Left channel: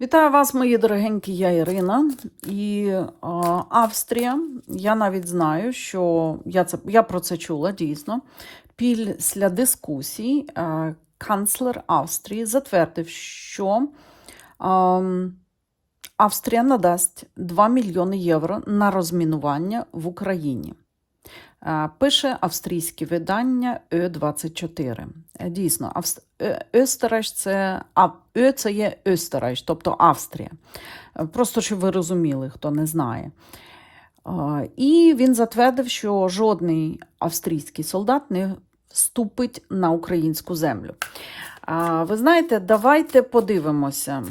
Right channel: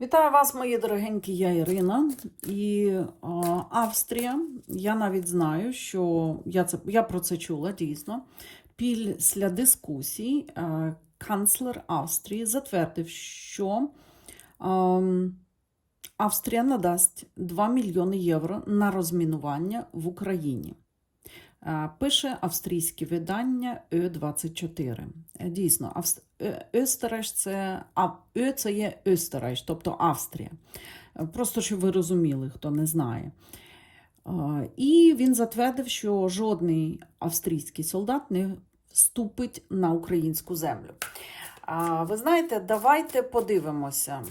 Вітаю вас, мої дорогенькі, я Ірина. І е, Австрія. Я навіть знаю, що я, це, я про це чула дійсно. Після дискусій е, канцлер Австрії затвердив, що е, Австрія надасть 2 мільйони євро на розмінування в Україні. Е, Пише австрійське видання Ö24. Е, Дійсно. Е, Österreich це а Ö це є Österreich, тобто Австрія. Е, Просто щоб ви розуміли, хто не знає. Е, І він затвердив, що жодний австрійський солдат не вступить на українську землю. Е, Ви знаєте, давайте подивимося.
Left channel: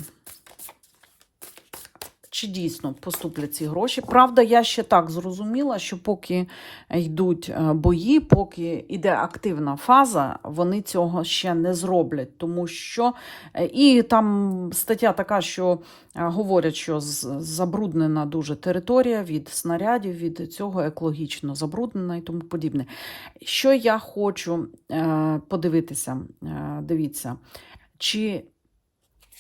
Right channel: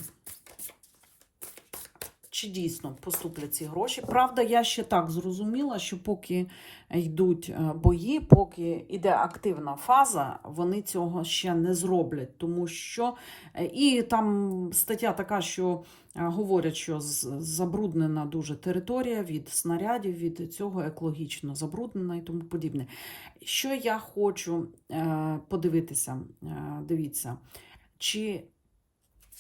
Чи дійсно поступлять ці гроші? Правда, я ще так зрозуміла, що поки йдуть е, бої, поки йде активна фаза, вони цього ще не зроблять. Тому що е, і там стаття така, що е, говорять, що забруднена дуже територія від снарядів, від цього екологічно забруднена і тому подібне. Що я хочу подивитися, дивіться, чи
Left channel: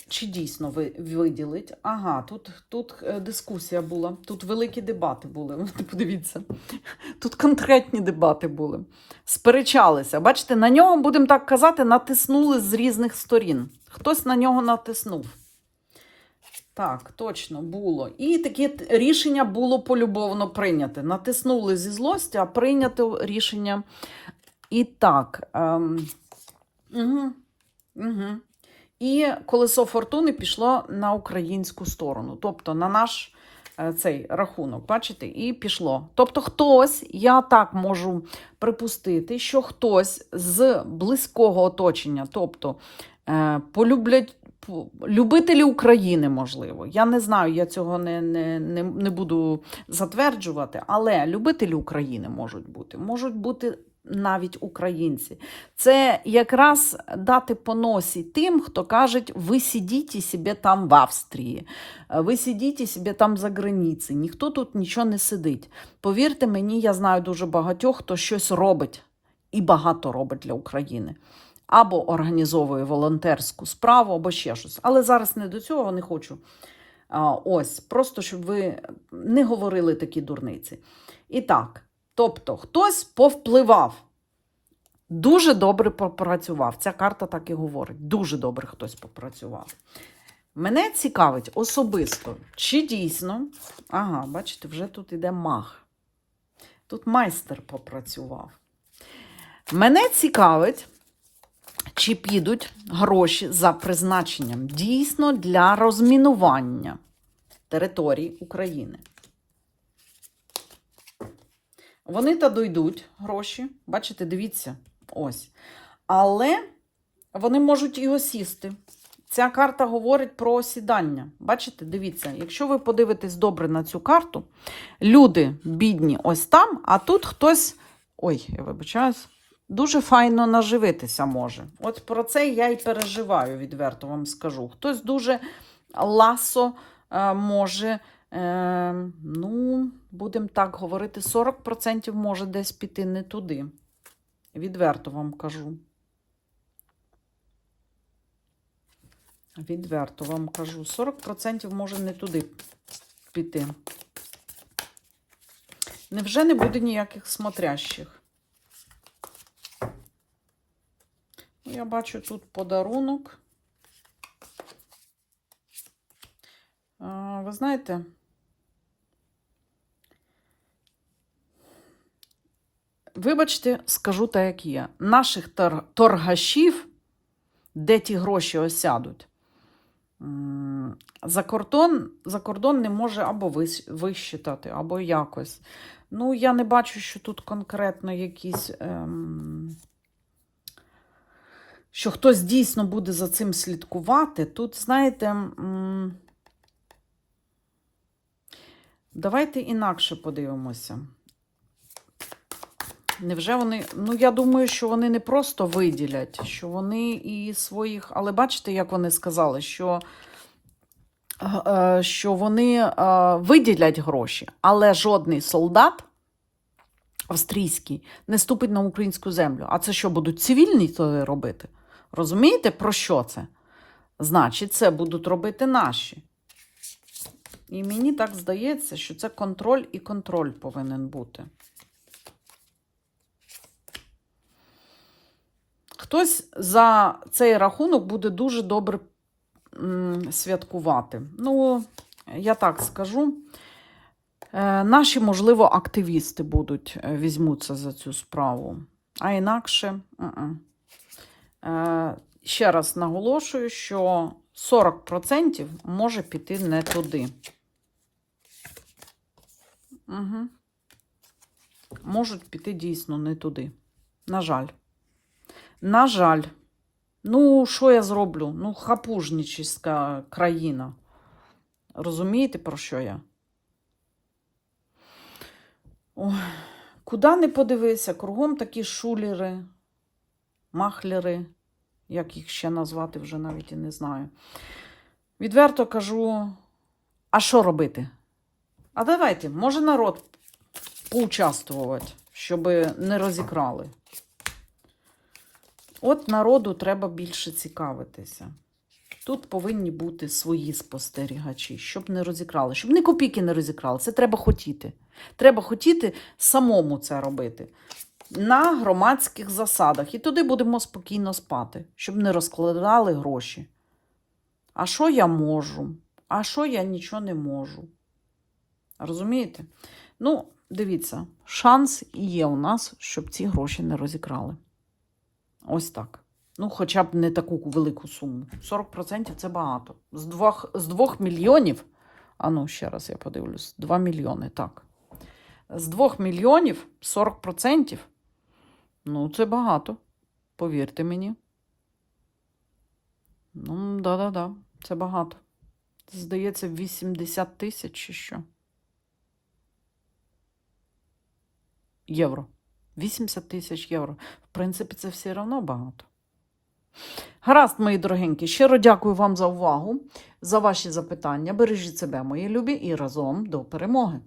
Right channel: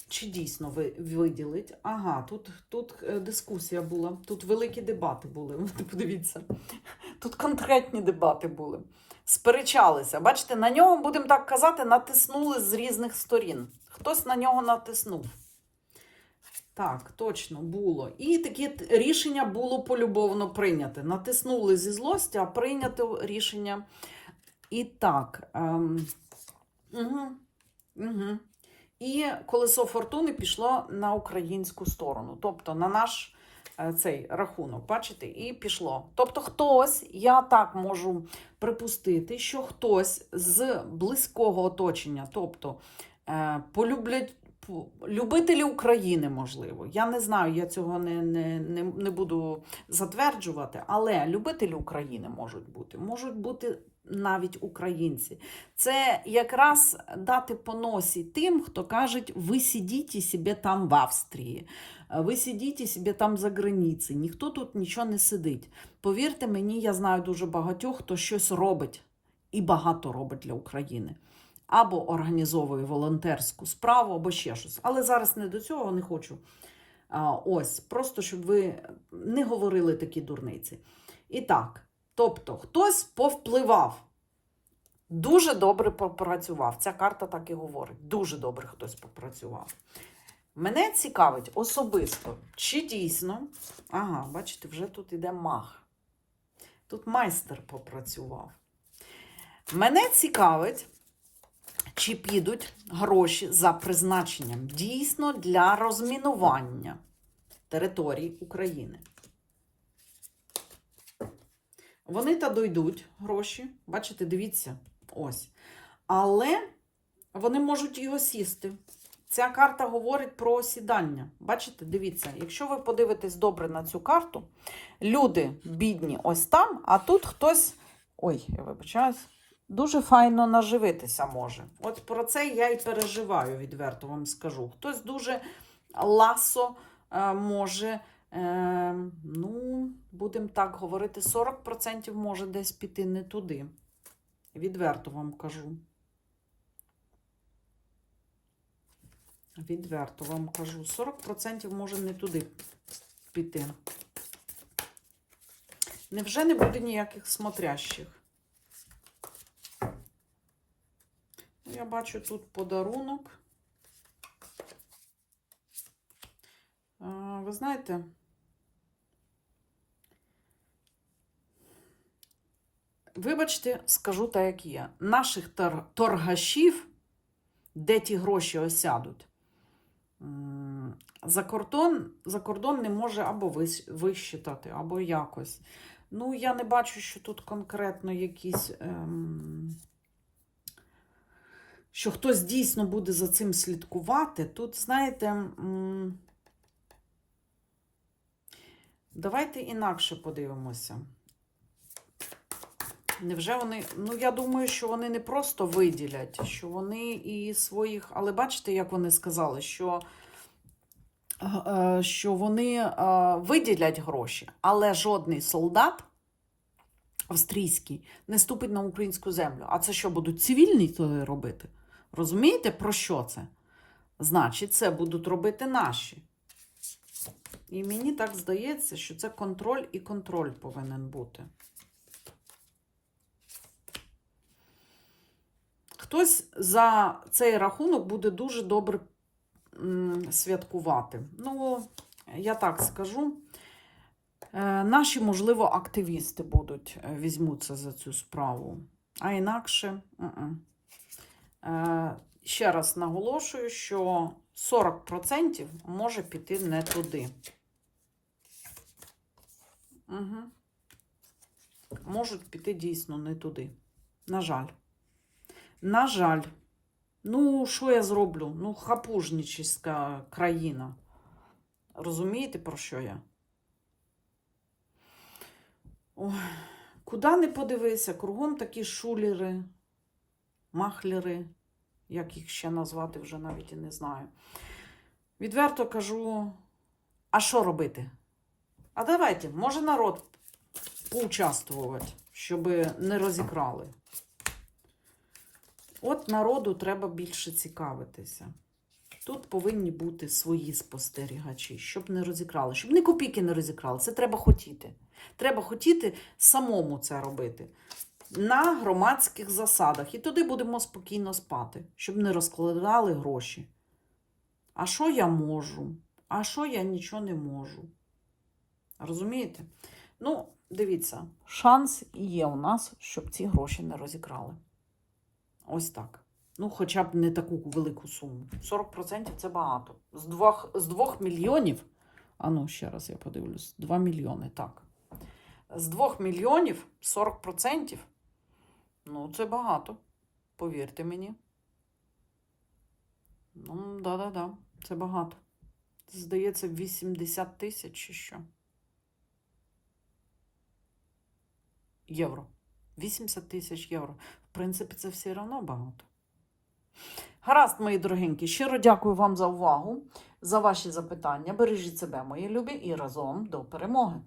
чи дійсно ви виділить? Ага, тут, тут е, дискусія була, тут великі дебати були. Подивіться, тут конкретні дебати були. Сперечалися. Бачите, на нього, будемо так казати, натиснули з різних сторін. Хтось на нього натиснув. Так, точно було. І таке рішення було полюбовно прийняте. Натиснули зі злості, а прийнято рішення і так. Ем, угу, угу. І колесо фортуни пішло на українську сторону, тобто на наш е, цей рахунок, бачите, і пішло. Тобто, хтось, я так можу припустити, що хтось з близького оточення, тобто е, полюблять. Любителі України, можливо. Я не знаю, я цього не, не, не, не буду затверджувати, але любителі України можуть бути, можуть бути навіть українці. Це якраз дати по носі тим, хто каже, ви сидіть себе там в Австрії, ви сидіть себе там за границею, ніхто тут нічого не сидить. Повірте мені, я знаю дуже багатьох, хто щось робить і багато робить для України. Або організовує волонтерську справу, або ще щось. Але зараз не до цього не хочу. Ось, просто щоб ви не говорили такі дурниці. І так, тобто, хтось повпливав. Дуже добре попрацював. Ця карта так і говорить. Дуже добре хтось попрацював. Мене цікавить особисто, чи дійсно. Ага, бачите, вже тут іде мах. Тут майстер попрацював. Мене цікавить, чи підуть гроші за призначенням дійсно для розмінування територій України. Вони та дойдуть гроші. Бачите, дивіться, ось. Але вони можуть і осісти. Ця карта говорить про осідання. Бачите, дивіться, якщо ви подивитесь добре на цю карту, люди бідні ось там, а тут хтось. Ой, я вибачаюсь. Дуже файно наживитися може. От про це я і переживаю, відверто вам скажу. Хтось дуже ласо е, може, е, ну, будемо так говорити, 40% може десь піти не туди. Відверто вам кажу. Відверто вам кажу. 40% може не туди піти. Невже не буде ніяких смотрящих? Я бачу тут подарунок. Ви знаєте, вибачте, скажу так, як є. Наших тор- торгашів, де ті гроші осядуть, за кордон, за кордон не може або вис- висчитати, або якось. Ну, я не бачу, що тут конкретно якісь. Ем, що хтось дійсно буде за цим слідкувати. Тут, знаєте, давайте інакше подивимося. Невже вони. Ну, я думаю, що вони не просто виділять, що вони і своїх. Але бачите, як вони сказали, що, е, що вони е, виділять гроші, але жодний солдат австрійський не ступить на українську землю. А це що, будуть цивільні то робити? Розумієте, про що це? Значить, це будуть робити наші. І мені так здається, що це контроль і контроль повинен бути. Хтось за цей рахунок буде дуже добре святкувати. Ну, я так скажу. Е, Наші, можливо, активісти будуть е, візьмуться за цю справу. А інакше. Е, Ще раз наголошую, що 40% може піти не туди. Угу. Можуть піти дійсно не туди. На жаль. На жаль. Ну, що я зроблю? Ну, хапужнічиська країна. Розумієте, про що я? Ой, куди не подивися, кругом такі шулери, махлери, як їх ще назвати, вже навіть і не знаю. Відверто кажу, а що робити? А давайте, може народ поучаствувати, щоб не розікрали. От народу треба більше цікавитися. Тут повинні бути свої спостерігачі, щоб не розікрали, щоб ні копійки не розікрали. Це треба хотіти. Треба хотіти самому це робити на громадських засадах. І туди будемо спокійно спати, щоб не розкладали гроші. А що я можу? А що я нічого не можу? Розумієте? Ну, дивіться, шанс є у нас, щоб ці гроші не розікрали. Ось так. Ну, хоча б не таку велику суму. 40% це багато. З 2, з 2 мільйонів. А ну, ще раз я подивлюсь. 2 мільйони, так. З 2 мільйонів 40%. Ну, це багато. Повірте мені. Ну, да-да-да, це багато. Здається, 80 тисяч чи що. Євро. 80 тисяч євро. В принципі, це все одно багато. Гаразд, мої дорогенькі, щиро дякую вам за увагу, за ваші запитання. Бережіть себе, мої любі, і разом до перемоги.